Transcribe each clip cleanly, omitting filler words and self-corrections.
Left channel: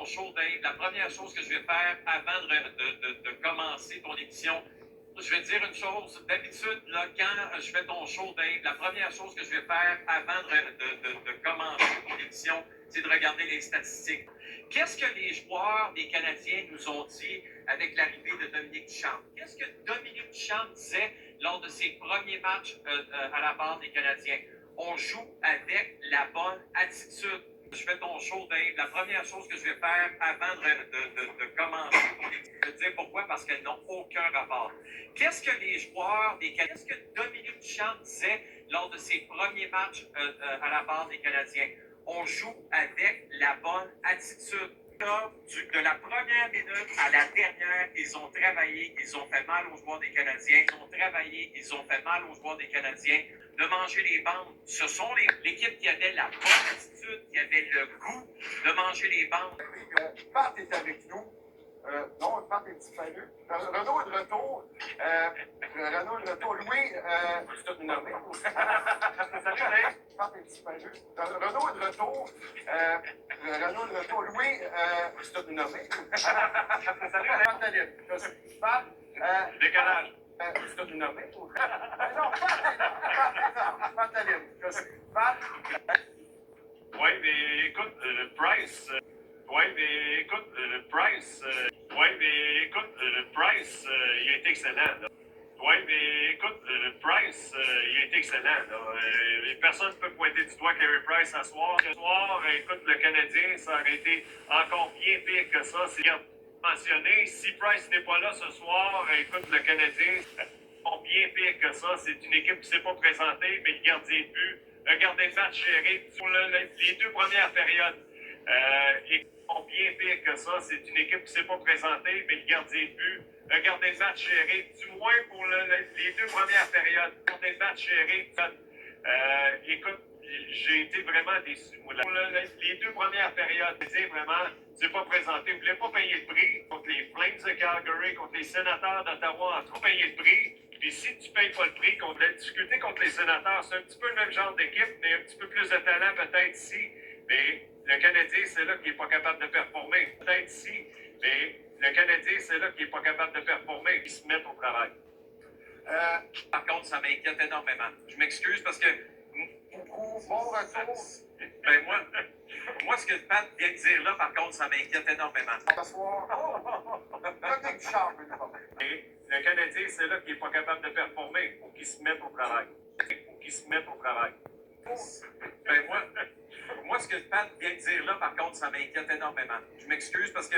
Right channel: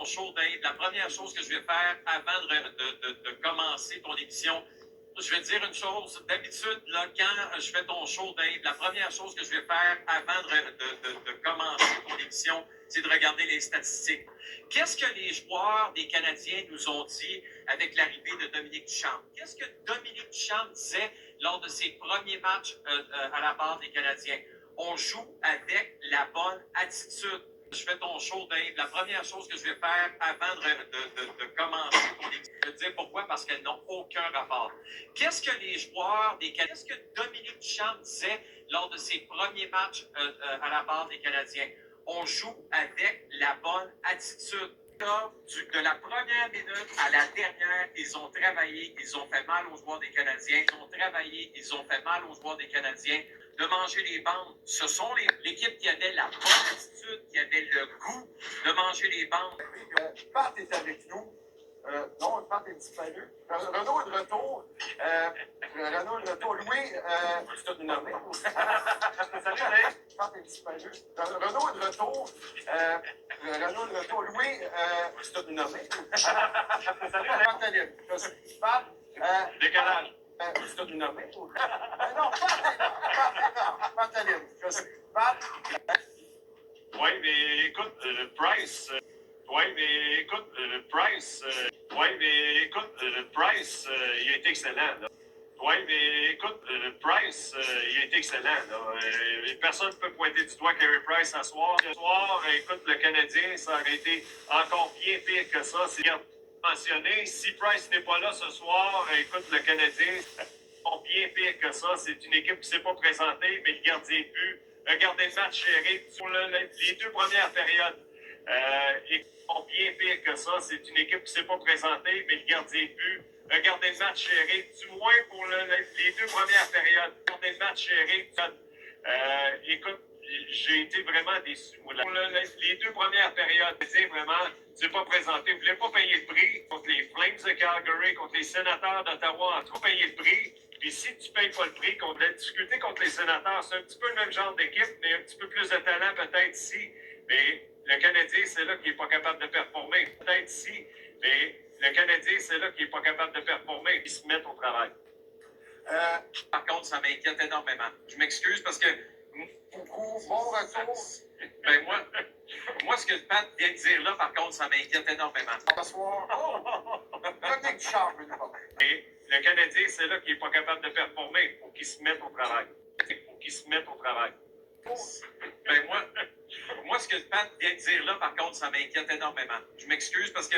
ton show, Dave, la première chose que je vais faire avant de commencer ton émission, je vais te dire une chose. D'habitude, là, quand je fais ton show, Dave, la première chose que je vais faire avant de commencer ton émission, c'est de regarder les statistiques. Qu'est-ce que les joueurs des Canadiens nous ont dit avec l'arrivée de Dominique Ducharme? Qu'est-ce que Dominique Ducharme disait lors de ses premiers matchs à la base des Canadiens? On joue avec la bonne attitude. Je fais ton show, Dave. La première chose que je vais faire avant de commencer ton émission, je vais te dire pourquoi, parce qu'elles n'ont aucun rapport. Qu'est-ce que les joueurs des Canadiens, qu'est-ce que Dominique Ducharme disait lors de ses premiers matchs à la base des Canadiens? On joue avec la bonne attitude. De la première minute à la dernière, ils ont travaillé, ils ont fait mal aux joueurs des Canadiens, ils ont travaillé, ils ont fait mal aux joueurs des Canadiens de manger les bandes. Ce sont l'équipe qui avait la bonne attitude, qui avait le goût de manger les bandes. Pat est avec nous. Non, Pat est disparu. Renaud est de retour. Renaud est de retour. Louis, c'est tout nommé. Salut, Pat est disparu. Renaud est de retour. Renaud est de retour. Louis, c'est tout nommé. Salut, Pantalib. Je suis Pat. Décalage. C'est tout nommé. Non, Pat, Pantalib. Je suis Pat. Oui, mais écoute, Price. Oui, mais écoute, Price. Oui, mais écoute, Price, il a été excellent. Là. Oui, mais écoute, Price, il a été excellent. Personne ne peut pointer du doigt Carey Price ce soir. Ce soir, écoute, le Canadien, ça aurait été encore bien pire que ça. C'est mentionné. Si Price n'est pas là ce soir, écoute, le Canadien, encore bien pire que ça. C'est une équipe qui ne s'est pas présentée, mais le gardien de but a gardé Matt Sherrick pour les deux premières périodes. Et bien pire que ça, c'est une équipe qui ne s'est pas présentée, mais le gardien de but a gardé Matt Sherrick, du moins pour les deux premières périodes. Gardé Matt Sherrick. Écoute, j'ai été vraiment déçu. Pour les deux premières périodes, vraiment, tu n'es pas présenté. Vous ne voulez pas payer le prix contre les Flames de Calgary, contre les Sénateurs d'Ottawa, en trop payer le prix. Puis si tu ne payes pas le prix, qu'on a discuté contre les Sénateurs, c'est un petit peu le même genre d'équipe, mais un petit peu plus de talent peut-être ici. Mais le Canadien, c'est là qu'il n'est pas capable de performer. Peut-être ici, mais le Canadien, c'est là qu'il n'est pas capable de performer. Ils se mettent au travail. Par contre, ça m'inquiète énormément. Je m'excuse parce que Beaucoup, bon retour. ben moi, ce que Pat vient de dire là, par contre, ça m'inquiète énormément. Ce soir, Dominique Ducharme veut nous parler. Et le Canadien, c'est là qu'il n'est pas capable de performer. Il faut qu'il se mette au travail. Il faut qu'il se mette au travail. Ben moi, ce que Pat vient de dire là, par contre, ça m'inquiète énormément. Je m'excuse parce que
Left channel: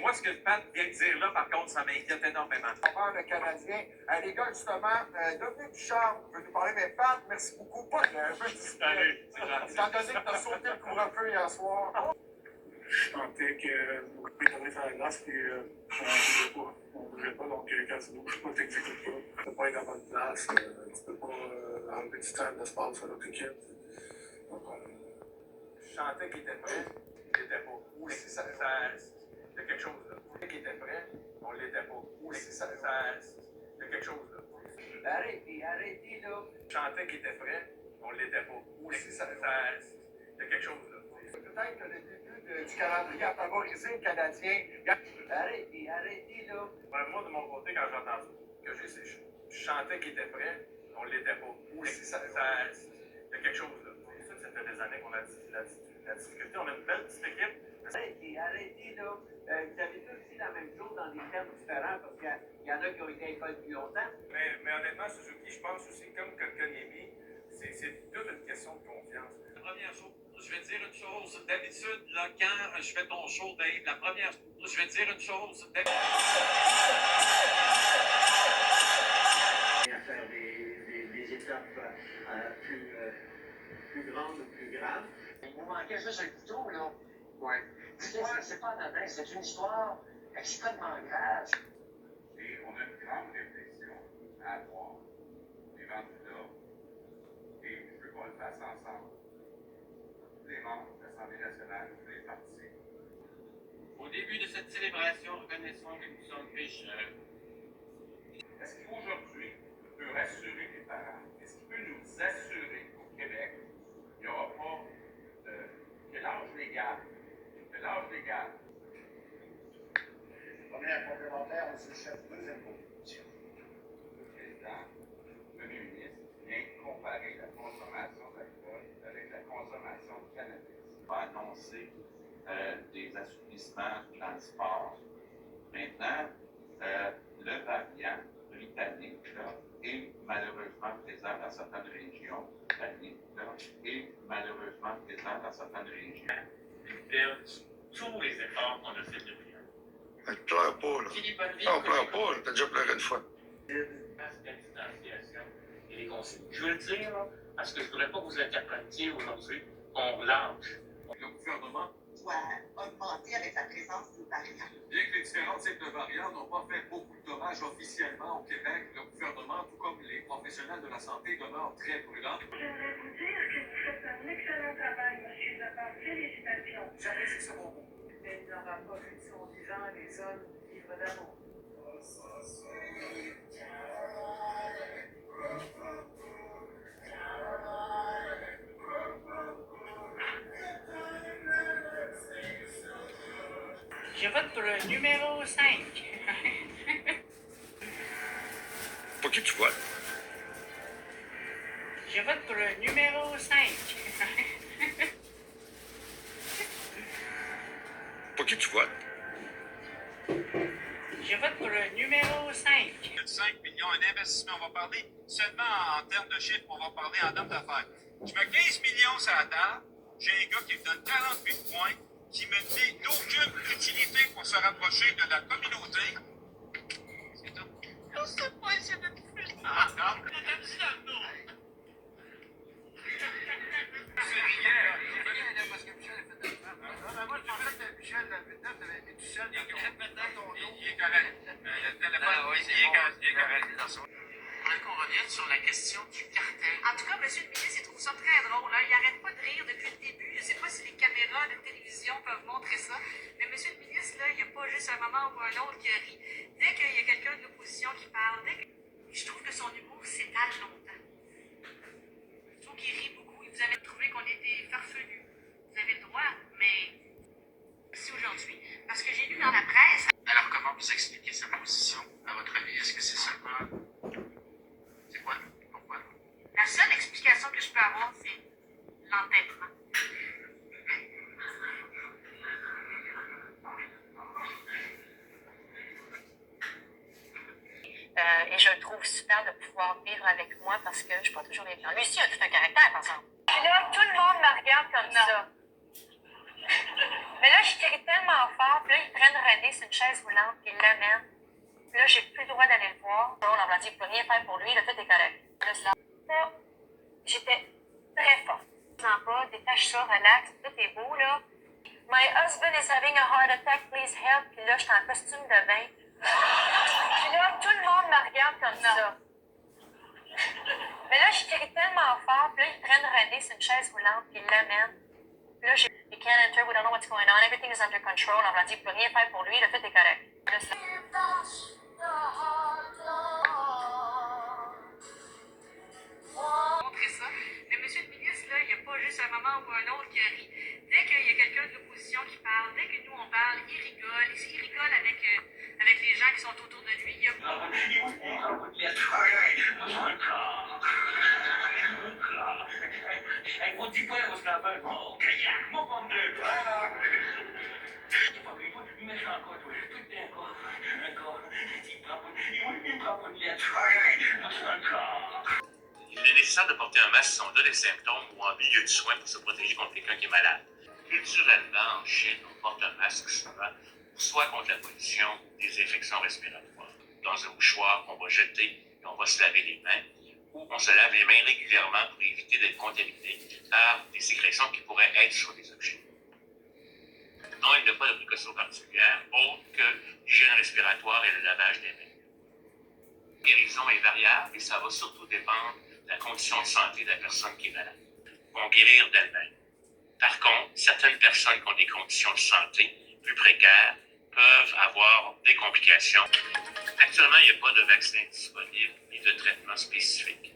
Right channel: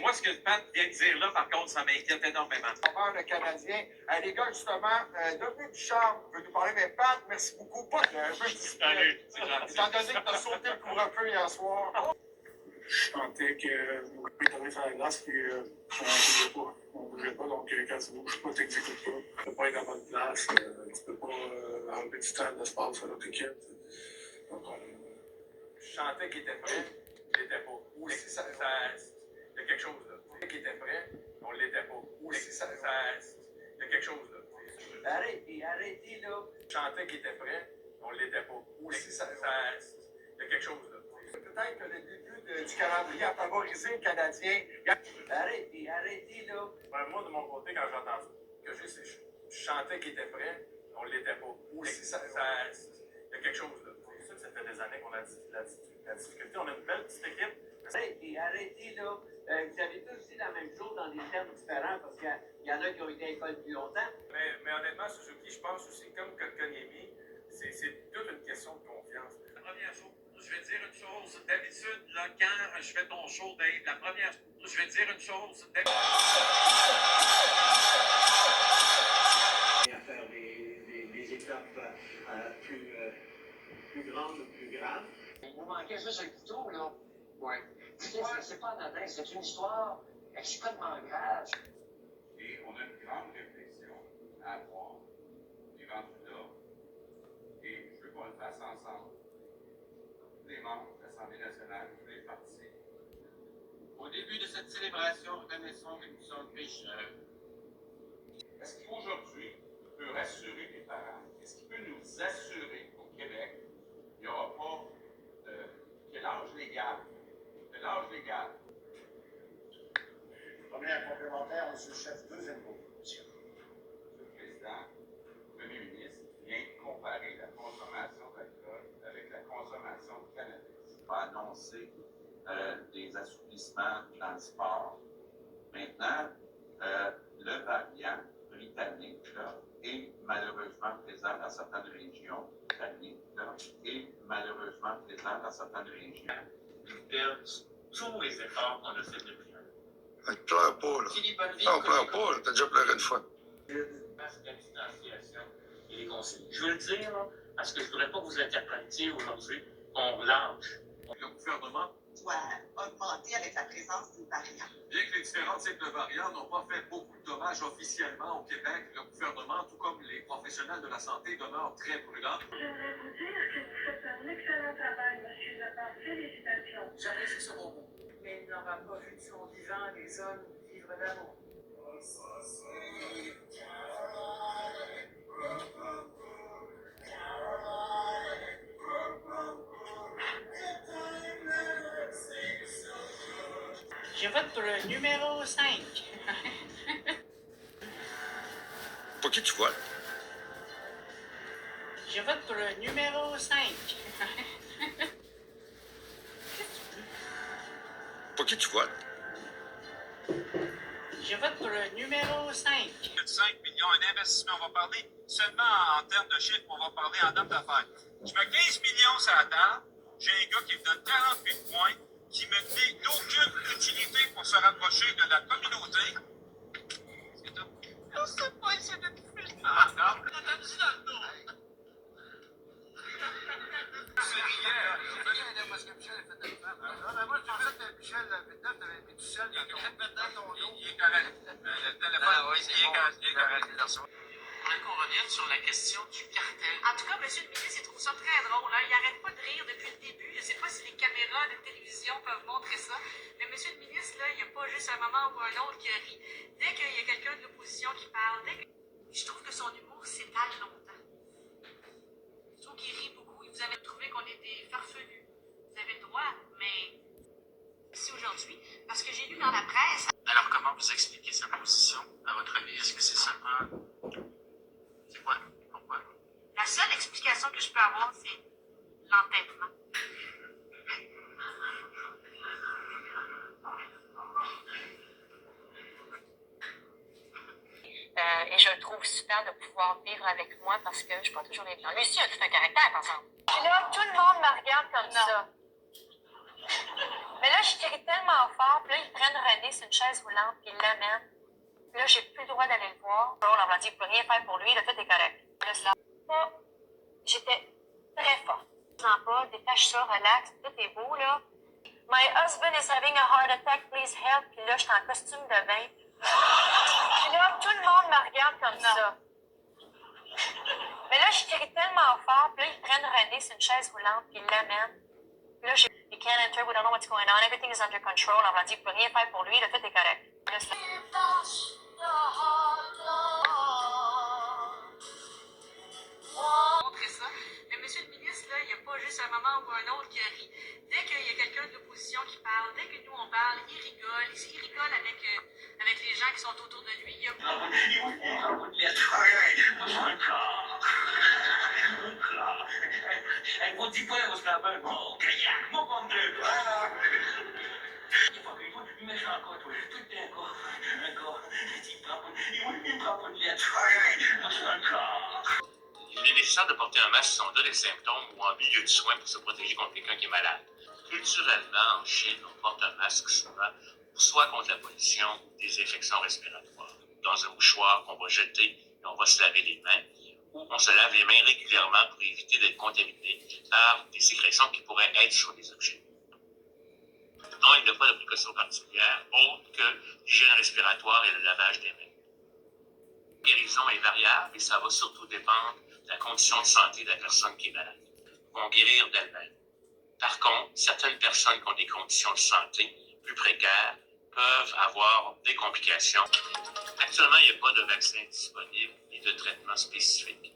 moi, ce que Pat vient de dire là, par contre, ça m'inquiète énormément. Le Canadien. Les gars, justement, Dominique Ducharme veut nous parler, mais Pat, merci beaucoup. Pas un peu Salut, c'est gentil. étant donné que tu as sauté le couvre-feu hier soir. Je sentais que mon copain était sur la glace et on ne bougeait pas. Donc, quand tu ne bouges pas, tu n'exécutes pas. Tu ne peux pas être à bonne place. Tu ne peux pas enlever du temps d'espace à l'autre équipe. Donc, Je sentais qu'il était prêt, il l'était pas. Ou si ça, il y a quelque chose là. Je sentais qu'il était prêt, on ne l'était pas. Ou si ça, il y a quelque chose là. Arrêtez là. Je sentais qu'il était prêt, on ne l'était pas. Ou si ça, il y a quelque chose là. Peut-être que le début du calendrier a favorisé le Canadien. Arrêtez là. Ben, moi, de mon côté, quand j'ai entendu que je sentais qu'il était prêt, on ne l'était pas. Ou si ça, il y a quelque chose là. C'est sûr que ça fait des années qu'on a la difficulté. On a une belle petite équipe. Arrêtez là. Vous avez tous dit la même chose dans des termes différents parce qu'il y en a qui ont été à l'école plus longtemps. Mais honnêtement, Suzuki, je pense aussi, comme Kotkaniemi, c'est toute une question de confiance. La première chose, je vais dire une chose. D'habitude, là, quand je fais ton show, Dave, la première chose, je vais dire une chose. À faire des étapes plus grandes ou plus graves. Vous manquez juste un couteau, là. Oui. L'histoire, c'est pas anodin, c'est une histoire extrêmement grave. Et on a une grande réflexion à avoir, les rendus là. Et je veux qu'on le fasse ensemble. Tous les membres de l'Assemblée nationale, tous les partis. Au début de cette célébration, reconnaissons que nous sommes pécheurs. Est-ce qu'aujourd'hui, on peut rassurer les parents? Est-ce qu'il peut nous assurer qu'au Québec, il n'y aura pas de. Que l'âge légal l'âge légal. Première complémentaire, M. le chef, deuxième proposition. Monsieur le Président, le Premier ministre vient comparer la consommation d'alcool avec la consommation de cannabis. On va annoncer des assouplissements dans le sport. Maintenant, le variant britannique là, est malheureusement présent dans certaines régions. Est malheureusement présent dans certaines régions. Perdre tous les efforts qu'on a fait depuis un an. Je pleure pas, là. Non, pleure pas, là. T'as déjà pleuré une fois. La distanciation et les consignes. Je veux le dire, là, parce que je ne voudrais pas que vous interprétiez aujourd'hui qu'on lâche. Le gouvernement, doit augmenter avec la présence d'une variante. bien que les différents types de variants n'ont pas fait beaucoup de dommages officiellement au Québec, le gouvernement, tout comme les professionnels de la santé, demeure très prudent. J'aimerais vous dire que vous faites un excellent travail, M. Lepage. Félicitations. J'apprécie ce mot. Mais il n'aura pas vu de son vivant les hommes vivre d'amour. Je vote pour le numéro 5. Pour qui tu votes? Je vote pour le numéro 5. Pour qui tu votes? Je vote pour le numéro 5. 5 millions, un investissement, on va parler seulement en termes de chiffres, on va parler en termes d'affaires. Je mets 15 millions sur la table, j'ai un gars qui me donne 48 points, qui me dit d'aucune utilité pour se rapprocher de la communauté. C'est tout. Je sais pas, c'est de plus. Ah, non, je t'ai dit dans le dos. C'est bien, parce que Michel a fait de la femme. Moi, je pensais que Michel, la Vietnam, t'avais mis tout seul dans ton dos. Il est correct. Le téléphone, il est correct. Je voudrais qu'on revienne sur la question du cartel. En tout cas, M. le ministre, il trouve ça très drôle. Hein? Il n'arrête pas de rire depuis le début. Je ne sais pas si les caméras de télévision peuvent montrer ça. Mais M. le ministre, là, il n'y a pas juste un moment ou un autre qui rit. Dès qu'il y a quelqu'un de l'opposition qui parle, je trouve que son humour s'étale longtemps. Je trouve qu'il rit beaucoup. Vous avez trouvé qu'on était farfelus. Vous avez le droit, mais c'est aujourd'hui. Parce que j'ai lu dans la presse. Alors, comment vous expliquez sa position, à votre avis? Est-ce que c'est seulement... C'est quoi? Pourquoi? La seule explication que je peux avoir, c'est l'entêtement. Et je le trouve super de pouvoir vivre avec moi parce que je ne suis pas toujours les gens. Lui aussi a tout un caractère, par exemple. Puis là, tout le monde me regarde comme ça. Mais là, je crie tellement fort, puis là, ils prennent René sur une chaise roulante, puis ils l'amènent. Puis là, j'ai plus le droit d'aller le voir. On leur a dit, il ne peut rien faire pour lui, là, tout est correct. Là, j'étais très forte. Non, pas, détache ça, relax, tout est beau, là. My husband is having a heart attack, please help. Puis là, j'étais en costume de bain. Puis là, tout le monde me regarde comme ça. Mais là, je crie tellement fort, puis là, ils prennent René sur une chaise roulante, puis ils l'amènent. Puis là, you can't enter, we don't know what's going on, everything is under control. On leur a dit, il ne peut rien faire pour lui, là, tout est correct. Là, Montrer ça. Mais M. le ministre, là, il n'y a pas juste un moment ou un autre qui rit. Dès qu'il y a quelqu'un de l'opposition qui parle, dès que nous on parle, il rigole. Il rigole avec les gens qui sont autour de lui. Il y a... Il est nécessaire de porter un masque si on a des symptômes ou en milieu de soins pour se protéger contre quelqu'un qui est malade. Culturellement, en Chine, on porte un masque souvent, soit contre la pollution ou des infections respiratoires. Dans un mouchoir qu'on va jeter et on va se laver les mains, ou on se lave les mains régulièrement pour éviter d'être contaminé par des sécrétions qui pourraient être sur les objets. Non, il n'y a pas de précaution particulière autre que l'hygiène respiratoire et le lavage des mains. La guérison est variable et ça va surtout dépendre de la condition de santé de la personne qui est malade. Ils vont guérir d'elle-même. Par contre, certaines personnes qui ont des conditions de santé plus précaires peuvent avoir des complications. Actuellement, il n'y a pas de vaccin disponible ni de traitement spécifique.